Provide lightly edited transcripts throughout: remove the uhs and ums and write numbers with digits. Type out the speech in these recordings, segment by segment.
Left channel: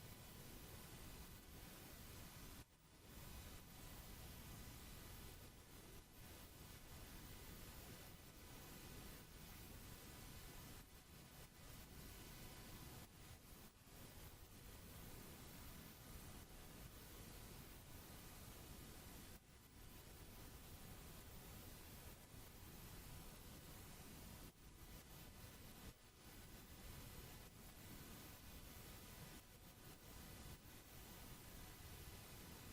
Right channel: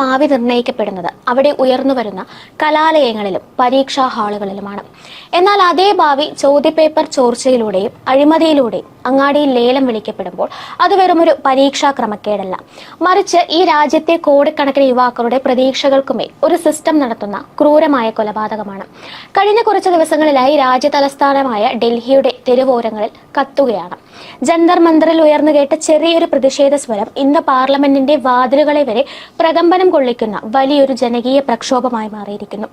ഭാവി നിർണ്ണയിക്കപ്പെടുന്നത് അവിടെ ഉയർന്നു വരുന്ന കലാലയങ്ങളിലും പരീക്ഷാ ഹാളുകളിലുമാണ്. എന്നാൽ അതേ ഭാവി ചോദ്യപേപ്പർ ചോർച്ചയിലൂടെയും അഴിമതിയിലൂടെയും അങ്ങാടിയിൽ ലേലം വിളിക്കപ്പെടുമ്പോൾ അത് വെറുമൊരു പരീക്ഷാ ക്രമക്കേടല്ല, മറിച്ച് ഈ രാജ്യത്തെ കോടിക്കണക്കിന് യുവാക്കളുടെ പ്രതീക്ഷകൾക്കുമേൽ ഒരു സിസ്റ്റം നടത്തുന്ന ക്രൂരമായ കൊലപാതകമാണ്. കഴിഞ്ഞ കുറച്ച് ദിവസങ്ങളിലായി രാജ്യ തലസ്ഥാനമായ ഡൽഹിയുടെ തെരുവോരങ്ങളിൽ കത്തുകയാണ്. ജന്തർ മന്ദറിൽ ഉയർന്നു കേട്ട ചെറിയൊരു പ്രതിഷേധ സ്വരം ഇന്ന് പാർലമെന്റിന്റെ വാതിലുകളെ വരെ പ്രകമ്പനം കൊള്ളിക്കുന്ന വലിയൊരു ജനകീയ പ്രക്ഷോഭമായി മാറിയിരിക്കുന്നു.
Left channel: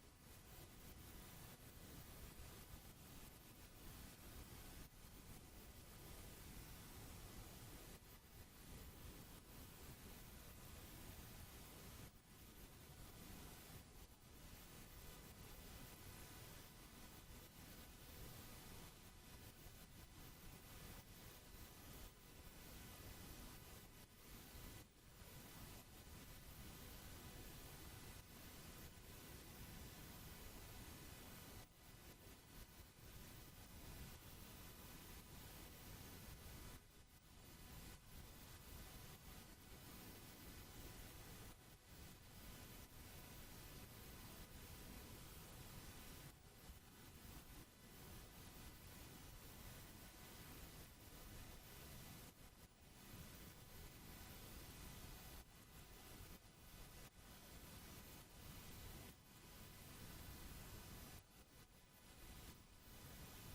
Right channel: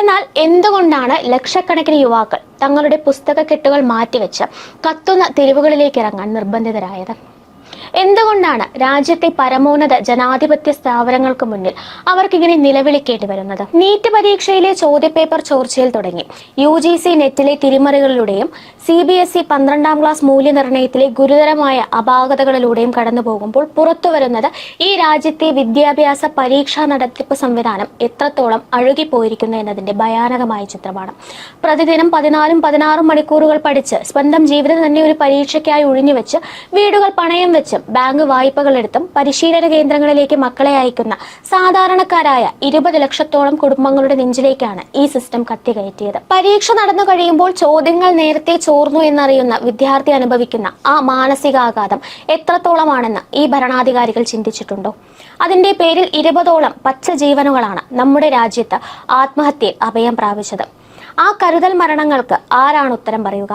എന്നാൽ എന്തുകൊണ്ടാണ് ലക്ഷക്കണക്കിന് യുവാക്കൾ തങ്ങളുടെ പുസ്തകക്കെട്ടുകൾ മാറ്റിവെച്ച് കത്തുന്ന തെരുവുകളിലേക്ക് ഇറങ്ങാൻ നിർബന്ധിതരായത്? എന്തുകൊണ്ടാണ് രാജ്യത്തെ പരമോന്നത ജനാധിപത്യ സ്ഥാപനങ്ങൾക്ക് മുന്നിൽ അവർക്കിങ്ങനെ നിലവിളിക്കേണ്ടി വരുന്നത്? നീറ്റ് പരീക്ഷയിലെ ചോദ്യപേപ്പർ ചോർച്ചയിൽ തുടങ്ങി UGC നെറ്റിലെ തിരിമറികളിലൂടെയും CBSE 12ാം ക്ലാസ് മൂല്യനിർണ്ണയത്തിലെ ഗുരുതരമായ അപാകതകളിലൂടെയും കടന്നു പോകുമ്പോൾ പുറത്തു വരുന്നത് ഈ രാജ്യത്തെ വിദ്യാഭ്യാസ പരീക്ഷാ നടത്തിപ്പ് സംവിധാനം എത്രത്തോളം അഴുകിപ്പോയിരിക്കുന്നു എന്നതിന്റെ ഭയാനകമായ ചിത്രമാണ്. പ്രതിദിനം 14-16 മണിക്കൂറുകൾ പഠിച്ച് സ്വന്തം ജീവിതം തന്നെ ഒരു പരീക്ഷയ്ക്കായി ഒഴിഞ്ഞുവെച്ച് വീടുകൾ പണയം വെച്ചും ബാങ്ക് വായ്പകൾ എടുത്തും പരിശീലന കേന്ദ്രങ്ങളിലേക്ക് മക്കളെ അയക്കുന്ന സാധാരണക്കാരായ 20 ലക്ഷത്തോളം കുടുംബങ്ങളുടെ നെഞ്ചിലേക്കാണ് ഈ സിസ്റ്റം കത്തികയറ്റിയത്. പരീക്ഷ നടന്നു കഴിയുമ്പോൾ ചോദ്യങ്ങൾ നേരത്തെ ചോർന്നു എന്നറിയുന്ന വിദ്യാർത്ഥി അനുഭവിക്കുന്ന ആ മാനസികാഘാതം എത്രത്തോളമാണെന്ന് ഈ ഭരണാധികാരികൾ ചിന്തിച്ചിട്ടുണ്ടോ? അതിന്റെ പേരിൽ 20ഓളം പച്ച ജീവനുകളാണ് നമ്മുടെ രാജ്യത്ത് ആത്മഹത്യയിൽ അഭയം പ്രാപിച്ചത്. ആ കരുതൽ മരണങ്ങൾക്ക് ആരാണ് ഉത്തരം പറയുക?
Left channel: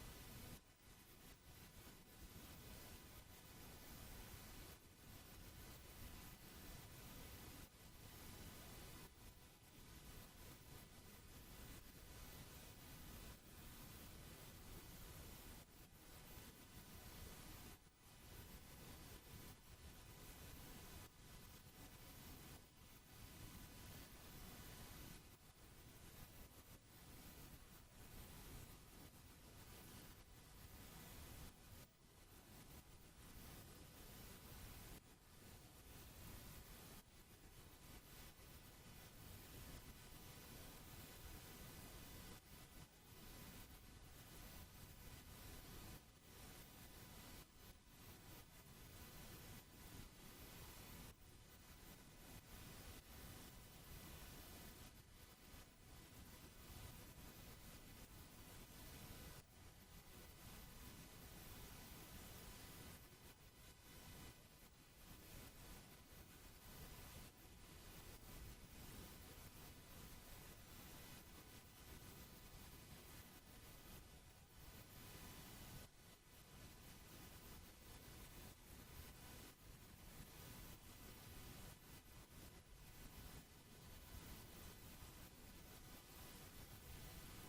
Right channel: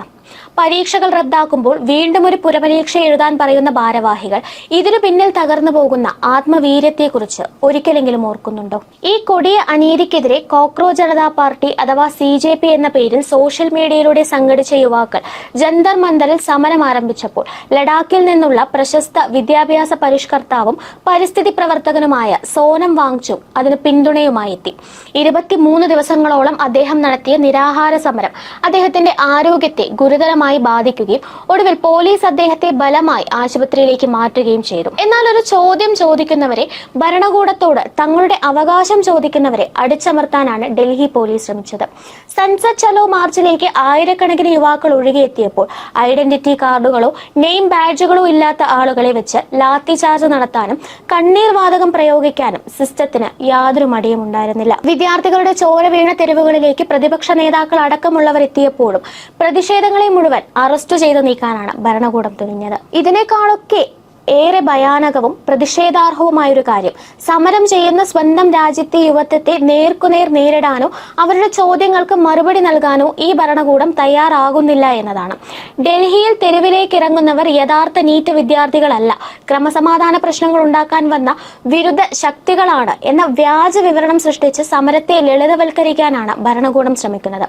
പരീക്ഷകൾ റദ്ദാക്കുമ്പോൾ വീണ്ടും ഒരു പുനപരീക്ഷ എഴുതാൻ പറയുന്ന ഭാരവാഹികൾ ഇതിനു പിന്നിൽ തകർന്നു പോകുന്ന ആത്മവീര്യത്തെക്കുറിച്ച് ഒരിക്കലെങ്കിലും ഓർക്കുന്നുണ്ടോ? ഈ കൊടിയ അനീതിക്കെതിരെ കോക്രോച്ച് ജനതാ പാർട്ടി അഥവാ CJP എന്ന പേരിൽ സോഷ്യൽ മീഡിയയിലൂടെ സംഘടിച്ച യുവാക്കൾ ജന്തർ മന്ദറിൽ സമരം ആരംഭിച്ചപ്പോൾ ലഡാക്കിൽ നിന്നുള്ള പ്രശസ്ത വിദ്യാഭ്യാസ പരിഷ്കർത്താവും പരിസ്ഥിതി പ്രവർത്തകനുമായ സോനം വാങ്ചുക് അതിന് പിന്തുണയുമായി എത്തി. 23 ദിവസങ്ങളോളം അദ്ദേഹം നടത്തിയ നിരാഹാര സമരം അദ്ദേഹത്തിന്റെ ആരോഗ്യത്തെ ഗുരുതരമായി ബാധിക്കുകയും ഒടുവിൽ പോലീസ് അദ്ദേഹത്തെ ബലമായി ആശുപത്രിയിലേക്ക് മാറ്റുകയും ചെയ്തു. എന്നാൽ ഒരു ചോദ്യം ചോദിക്കുന്നവരെ, ഭരണകൂടത്തോട് തങ്ങളുടെ അവകാശം ചോദിക്കുന്നവരെ അടിച്ചമർത്താനാണ് ഡൽഹി പോലീസ് ശ്രമിച്ചത്. സൻസദ് ചലോ മാർച്ചിലേക്ക് ആയിരക്കണക്കിന് യുവാക്കൾ ഒഴുകിയെത്തിയപ്പോൾ ഐഡന്റിറ്റി കാർഡുകളോ നെയിം ബാഡ്ജുകളോ ഇല്ലാത്ത ആളുകളെ വെച്ച് ലാത്തി ചാർജ് നടത്താനും കണ്ണീർ വാതകം പ്രയോഗിക്കാനും സിസ്റ്റത്തിന് യാതൊരു മടിയും ഉണ്ടായിരുന്നില്ല. വിദ്യാർത്ഥികളുടെ ചോര വീണ തെരുവുകളിലേക്ക് പ്രതിപക്ഷ നേതാക്കൾ അടക്കമുള്ളവർ എത്തിയപ്പോഴും പ്രതിഷേധങ്ങളെ മുഴുവൻ അറസ്റ്റ് ചെയ്ത് നീക്കാനാണ് ഭരണകൂടം തുനിഞ്ഞത്. ഇതിനേക്കാളൊക്കെ ഏറെ ഭയാനകവും പ്രതിഷേധാർഹവുമായൊരു കാര്യം, സമരം ചെയ്യുന്ന സ്വന്തം രാജ്യത്തെ യുവത്വത്തെ നേർക്കുനേർ നേരിടാനോ അവരുടെ ചോദ്യങ്ങൾക്ക് മറുപടി നൽകാനോ ഈ ഭരണകൂടം തയ്യാറാകുന്നില്ല എന്നതാണ്. ഡൽഹിയിൽ തെരുവിലേക്ക് ഇറങ്ങുന്നവർ യഥാർത്ഥ നീറ്റ് വിദ്യാർത്ഥികളല്ല, ക്രമസമാധാന പ്രശ്നങ്ങൾ ഉണ്ടാക്കാൻ വന്ന വിരുദ്ധ ശക്തികളാണ് എന്ന വ്യാജ വിവരണം സൃഷ്ടിച്ച് സമരത്തെ ലളിതവൽക്കരിക്കാനാണ് ഭരണകൂടം ശ്രമിക്കുന്നത്.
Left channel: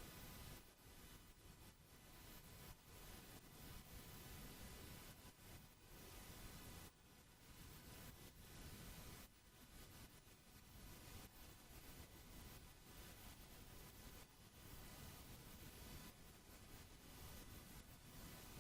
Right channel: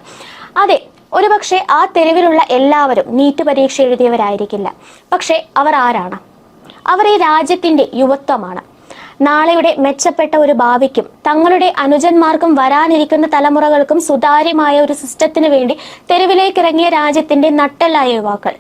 അതെ, ഒരുപക്ഷെ ആ തെരുവിലുള്ള എല്ലാവരും നീറ്റ് പരീക്ഷ എഴുതിയവരായിരിക്കില്ല. പക്ഷെ അവർ ആരാണ്? അവർ ഈ രാജ്യത്തിന്റെ യുവത്വമാണ്. നാളെയുടെ മെച്ചപ്പെട്ട ഒരു ഭാവിക്കും തങ്ങളുടെ അനുജന്മാർക്കും വരാനിരിക്കുന്ന തലമുറകൾക്കും സുതാര്യമായ ഒരു സിസ്റ്റത്തിന് വേണ്ടി തെരുവിലേക്കിറങ്ങിയ രാജ്യത്തിന്റെ നട്ടെല്ലായ യുവാക്കൾ.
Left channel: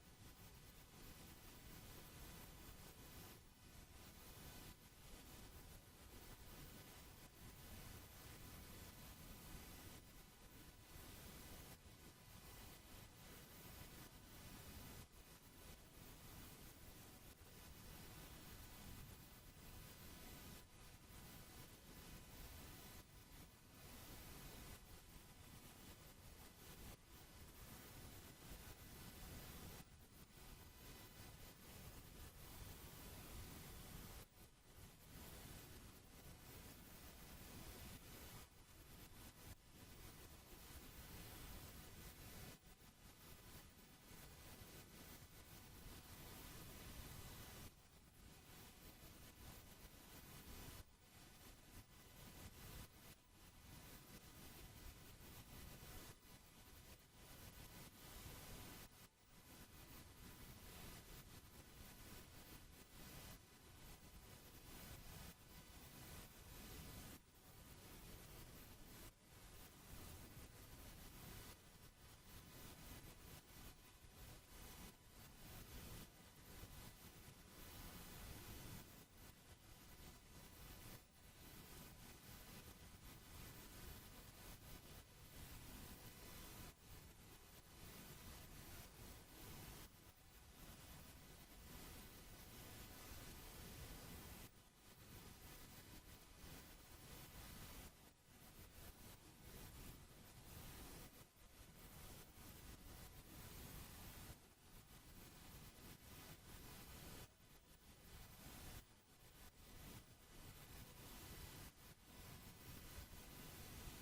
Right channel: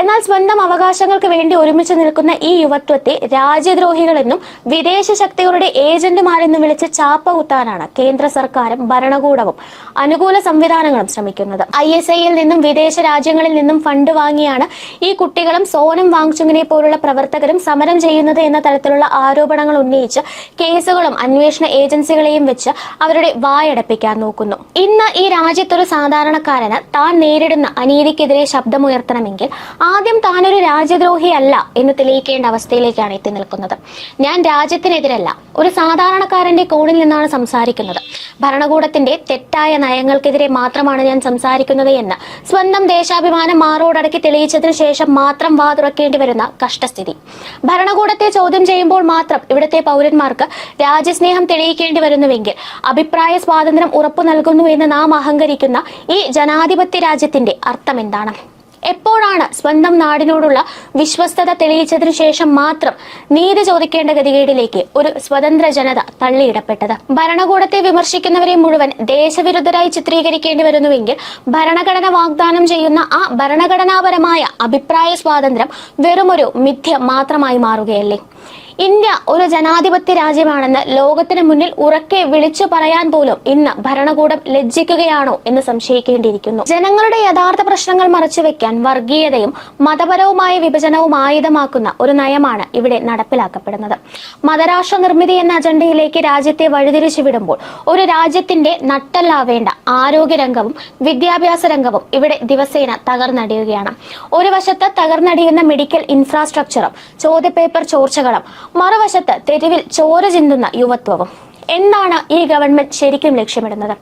എന്നാൽ സ്വന്തം അവകാശങ്ങൾക്ക് വേണ്ടി ഒരുമിച്ച് നിൽക്കുന്ന ഈ യുവത്വത്തെ രാജ്യദ്രോഹികളെന്നും വിദേശ ശക്തികളുടെ ഏജന്റുമാരെന്നും വിളിച്ച് ചാപ്പ കുത്താനാണ് കേന്ദ്ര സർക്കാരും ഭരണകൂടവും അനുകൂല സംവിധാനങ്ങളും ശ്രമിക്കുന്നത്. ISIൽ നിന്നും വിദേശ രാജ്യങ്ങളിൽ നിന്നും ഫണ്ട് വാങ്ങിയാണ് ഈ കുട്ടികളും സോനം വാങ്ചുകിനെ പോലുള്ള പ്രവർത്തകരും സമരം ചെയ്യുന്നത് എന്ന തരത്തിലുള്ള ആരോപണങ്ങൾ ഉന്നയിച്ച് കേസുകളും അന്വേഷണ ഏജൻസികളെയും വെച്ച് അവരുടെ വായടപ്പിക്കാൻ നോക്കുന്നു. ഇന്ന് ഈ രാജ്യത്തൊരു സാധാരണക്കാരന് താൻ നേരിടുന്ന അനീതിക്കെതിരെ ശബ്ദമുയർത്തണമെങ്കിൽ ആദ്യം താനൊരു രാജ്യദ്രോഹിയല്ല എന്ന് തെളിയിക്കേണ്ട അവസ്ഥയിലേക്കാണ് എത്തി നിൽക്കുന്നത്. ഞാൻ രാജ്യത്തിനെതിരല്ല, ഒരു സാധാരണക്കാരന്റെ കോണിൽ നിന്നാണ് സംസാരിക്കുന്നത്. ഭരണകൂടത്തിന്റെ തെറ്റായ നയങ്ങൾക്കെതിരെ മാത്രമാണ് ഞാൻ സംസാരിക്കുന്നത് എന്ന് സ്വന്തം ദേശാഭിമാനം മാറോടടക്കി തെളിയിച്ചതിനു ശേഷം മാത്രം വാ തുറക്കേണ്ടി വരുന്ന കഷ്ടസ്ഥിതി. ഭരണകൂടത്തെ ചോദ്യം ചെയ്യുമ്പോൾ മാത്രം ഇവിടുത്തെ പൗരന്മാർക്ക് രാജ്യസ്നേഹം തെളിയിക്കേണ്ടി വരുന്നുവെങ്കിൽ അഭിപ്രായ സ്വാതന്ത്ര്യം ഉറപ്പു നൽകുന്നു എന്ന് നാം അഹങ്കരിക്കുന്ന ഈ ജനാധിപത്യ രാജ്യത്തിന്റെ അർത്ഥം എന്താണ്? എപ്പോഴാണ് സ്വന്തം നാടിനോടുള്ള വിശ്വസ്തത തെളിയിച്ചതിനു ശേഷം മാത്രം നീതി ചോദിക്കേണ്ട ഗതികേടിലേക്ക് ഒരു സ്വതന്ത്ര ജനത തള്ളിയിടപ്പെട്ടത്? ഭരണകൂടത്തെ വിമർശിക്കുന്നവരെ മുഴുവൻ ദേശവിരുദ്ധരായി ചിത്രീകരിക്കേണ്ടി വരുന്നുവെങ്കിൽ ഭരണഘടന വാഗ്ദാനം ചെയ്യുന്ന ആ ഭരണഘടനാപരമായ അഭിപ്രായ സ്വാതന്ത്ര്യം വെറുമൊരു മിഥ്യ മാത്രമായി മാറുകയല്ലേ? ഇന്ത്യ ഒരു ജനാധിപത്യ രാജ്യമാണെന്ന് ലോകത്തിന് മുന്നിൽ ഉറക്കെ വിളിച്ചു പറയാൻ പോലും ഇന്ന് ഭരണകൂടം ലജ്ജിക്കുകയാണോ എന്ന് സംശയിക്കേണ്ടിയിരിക്കുന്നു. ജനങ്ങളുടെ യഥാർത്ഥ പ്രശ്നങ്ങൾ മറച്ചുവെക്കാൻ വർഗീയതയും മതപരവുമായ വിഭജനവും ആയുധമാക്കുന്ന ഒരു നയമാണ് ഇവിടെ നടപ്പിലാക്കപ്പെടുന്നത്. മതരാഷ്ട്ര നിർമ്മിതി എന്ന അജണ്ടയിലേക്ക് രാജ്യത്തെ വഴിതിരിച്ചു വിടുമ്പോൾ ഒരു രാജ്യത്തിന്റെ നട്ടെല്ലാവേണ്ട ആരോഗ്യരംഗവും വിദ്യാഭ്യാസ രംഗവും ഇവിടെ ദിവസേന തകർന്നടിയുകയാണ്. ഒരു വശത്ത് തകർന്നടിയുന്ന മെഡിക്കൽ ഇൻഫ്രാസ്ട്രക്ചറും ചോദ്യപേപ്പർ ചോർച്ചകളും, മറുവശത്ത് തെരുവിൽ ചോര ചിന്തുന്ന യുവത്വവും. എന്താണ് ഈ ഗവൺമെന്റ് ശരിക്കും ലക്ഷ്യമിടുന്നത്?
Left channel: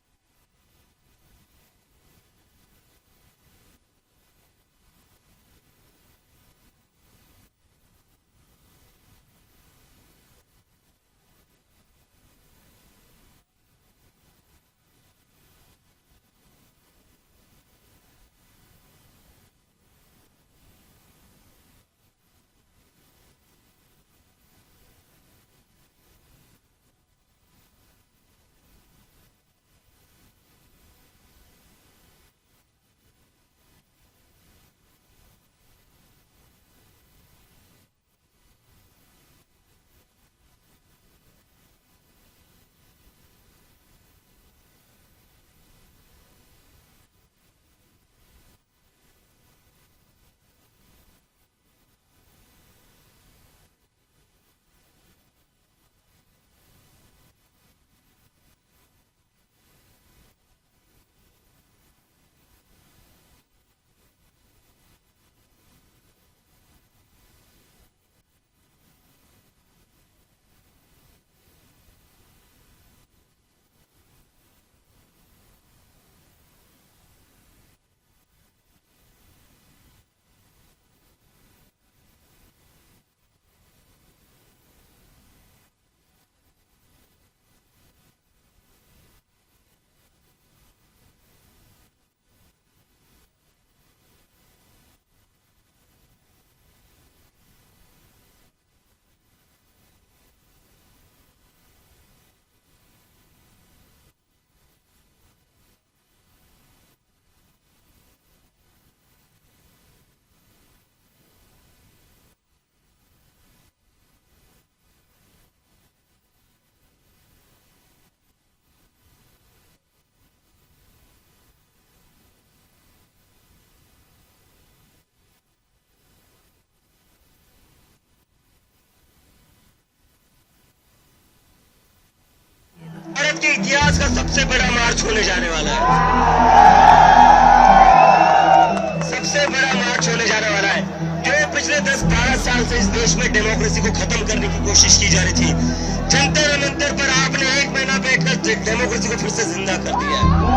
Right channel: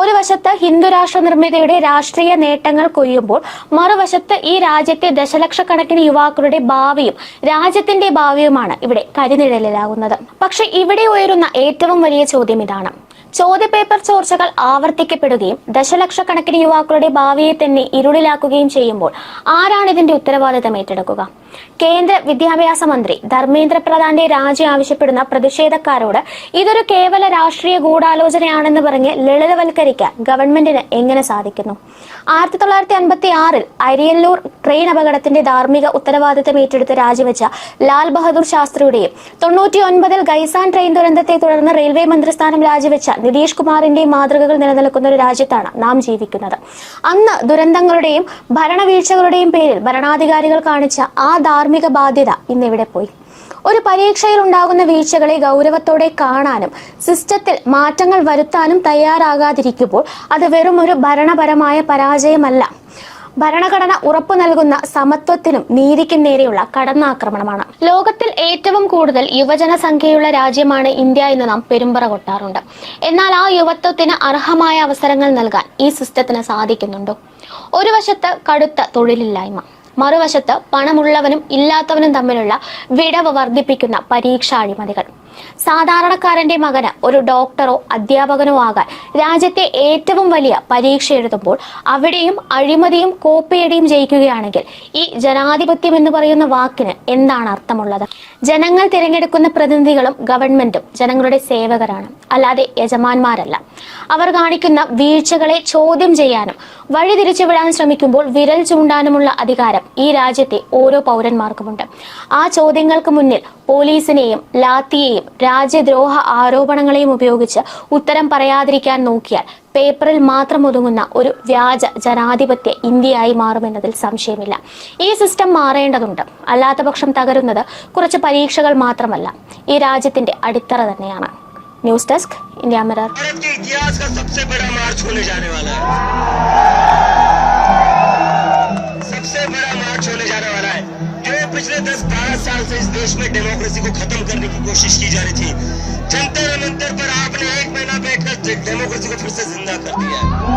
ഒരു വശത്ത് ഹിന്ദുരാഷ്ട്ര നിർമ്മിതിയുടെ രാഷ്ട്രീയ നേട്ടങ്ങൾ കൊയ്യുമ്പോൾ മറുവശത്ത് ഈ രാജ്യത്തെ ദശലക്ഷക്കണക്കിന് യുവാക്കളുടെ ഭാവിയും രാജ്യത്തിന്റെ ഭാവിയുമാണ് ഇവിടെ കരിനിഴലിലാകുന്നത്. പക്ഷെ ഇവിടെ ഉയരുന്ന ഏറ്റവും വലിയ ചോദ്യം ഇതാണ്: ചോദ്യപേപ്പർ ചോർച്ചകൾ ആവർത്തിക്കപ്പെടുകയും ദശലക്ഷക്കണക്കിന് യുവാക്കളുടെ ഭാവിയെ തന്നെ ഇരുളിലാക്കുകയും ചെയ്യുമ്പോൾ ആരാണ് ഇതിന്റെ ഉത്തരവാദിത്തം ഏറ്റെടുക്കുക? കേന്ദ്ര വിദ്യാഭ്യാസ മന്ത്രി ധർമ്മേന്ദ്ര പ്രധാന്റെ രാജി ആവശ്യപ്പെടുന്ന പ്രതിഷേധക്കാരോട് ഇതൊരു കേവല രാഷ്ട്രീയ ഗൂഢാലോചനയാണെന്ന് പറഞ്ഞ് ലളിതവൽക്കരിക്കാൻ ഗവൺമെന്റിന് എങ്ങനെ സാധിക്കുന്നു? 1956 അരിയല്ലൂർ ട്രെയിൻ അപകടത്തിന്റെ ധാർമ്മിക ഉത്തരവാദിത്തം ഏറ്റെടുത്ത് രാജിവെച്ച ലാൽ ബഹദൂർ ശാസ്ത്രിയുടെയും 99 ഗൈസാൻ ട്രെയിൻ ദുരന്തത്തെ തുടർന്ന് റെയിൽവേ മന്ത്രിസ്ഥാനം രാജിവെച്ച നിതീഷ് കുമാറിന്റെയും മാതൃകകൾ നിലനിൽക്കുന്ന ഒരു രാജ്യത്താണ് നാം ജീവിക്കുന്നത്. അന്ന് ദുരന്തങ്ങളുടെയും ഭരണവീഴ്ചകളുടെയും പേരിൽ ഭരണാധികാരികൾ കാണിച്ച ആ ധാർമ്മിക ബാധ്യത ഇന്നിവിടെ പോയി. ഒരു പരീക്ഷയിൽ ഉണ്ടാകുന്ന വീഴ്ചകളെ ഗൗരവത്തോടെ കാണാനും സിസ്റ്റത്തിൽ മാറ്റങ്ങൾ വരുത്താനും തയ്യാറാകാതിരിക്കുമ്പോൾ അത് വെറും ഒരു ഭരണപരമായ പരാജയമല്ല, ഭരണഘടന ഉറപ്പു നൽകുന്ന സമത്വത്തിനും നീതിക്കും നേരെയുള്ള കടന്നാക്രമണമാണ്. ലോകത്തിൽ ഏറ്റവും കൂടുതൽ യുവജന സംഖ്യയുള്ള രാജ്യമാണ് ഇന്ത്യ എന്ന് നാം പെരുമ്പറ കൊട്ടാറുണ്ട്. എന്നാൽ ആ യുവത്വത്തിന് അർഹമായ അവസരങ്ങൾ നൽകാൻ ഈ സിസ്റ്റത്തിന് സാധിക്കുന്നുണ്ടോ? ഒരു വശത്ത് കടുത്ത തൊഴിലില്ലായ്മ, മറുവശത്ത് പണമുള്ളവനും ഇല്ലാത്തവനും തമ്മിലുള്ള വിടവ് വർദ്ധിപ്പിക്കുന്ന പരീക്ഷാ അഴിമതികൾ. സാധാരണക്കാരന്റെ മകന് ഒരു ഡോക്ടറോ അധ്യാപകനോ ആകാൻ രാജ്യത്തെ ഏറ്റവും വലിയ പരീക്ഷ എഴുതുമ്പോൾ അവിടെയും അഴിമതിയും കോപ്പിയടിയും ജയിക്കുകയാണെങ്കിൽ ഈ ജനാധിപത്യം എന്ന് പറയുന്ന വാക്കിന് എന്താണ് അർത്ഥമുള്ളത്? ജനങ്ങൾ തിരഞ്ഞെടുക്കുന്ന പ്രതിനിധികളും ഗവൺമെന്റും ജനങ്ങളുടെ സേവകരാണ്, അല്ലാതെ യജമാന്മാരല്ല. അവർ കാണിക്കുന്ന വീഴ്ചകളെ ചോദ്യം ചെയ്യാനും വഴിതിരിച്ചുവിടാൻ ശ്രമിക്കുമ്പോൾ വിരൽ ചൂണ്ടാനുമുള്ള അധികാരം ഈ രാജ്യത്തെ ഓരോ പൗരന്മാർക്കുമുണ്ട്. ആ ചോദ്യങ്ങൾക്ക് മുന്നിൽ പോലീസിനെയും ലാത്തിയെയും രാജ്യദ്രോഹ ആരോപണങ്ങളെയും ഉപയോഗിച്ച് ഉത്തരം പറയാതിരിക്കാൻ നോക്കിയാൽ പേപ്പറിൽ മാത്രം ഒതുങ്ങുന്ന ഒരു വ്യാജ ജനാധിപത്യ ഇന്ത്യയായി മാറുമെന്നതിൽ സംശയമില്ല. ഈ സിസ്റ്റം മാറേണ്ടതുണ്ട്. അല്ലാത്ത പക്ഷം തകരുന്നത് കുറച്ച് പരീക്ഷകൾ മാത്രമല്ല, ഈ രാജ്യത്തിന്റെ അടിത്തറ തന്നെയാണ്. News desk, India mirror. पिछले 10-12 साल से इस देश में डेमोक्रेसी को खत्म करने की कोशिश की जा रही थी। जंतर मंतर पर आपने 1 महीना बैठकर डेमोक्रेसी को फिर से जिंदा कर दिया है।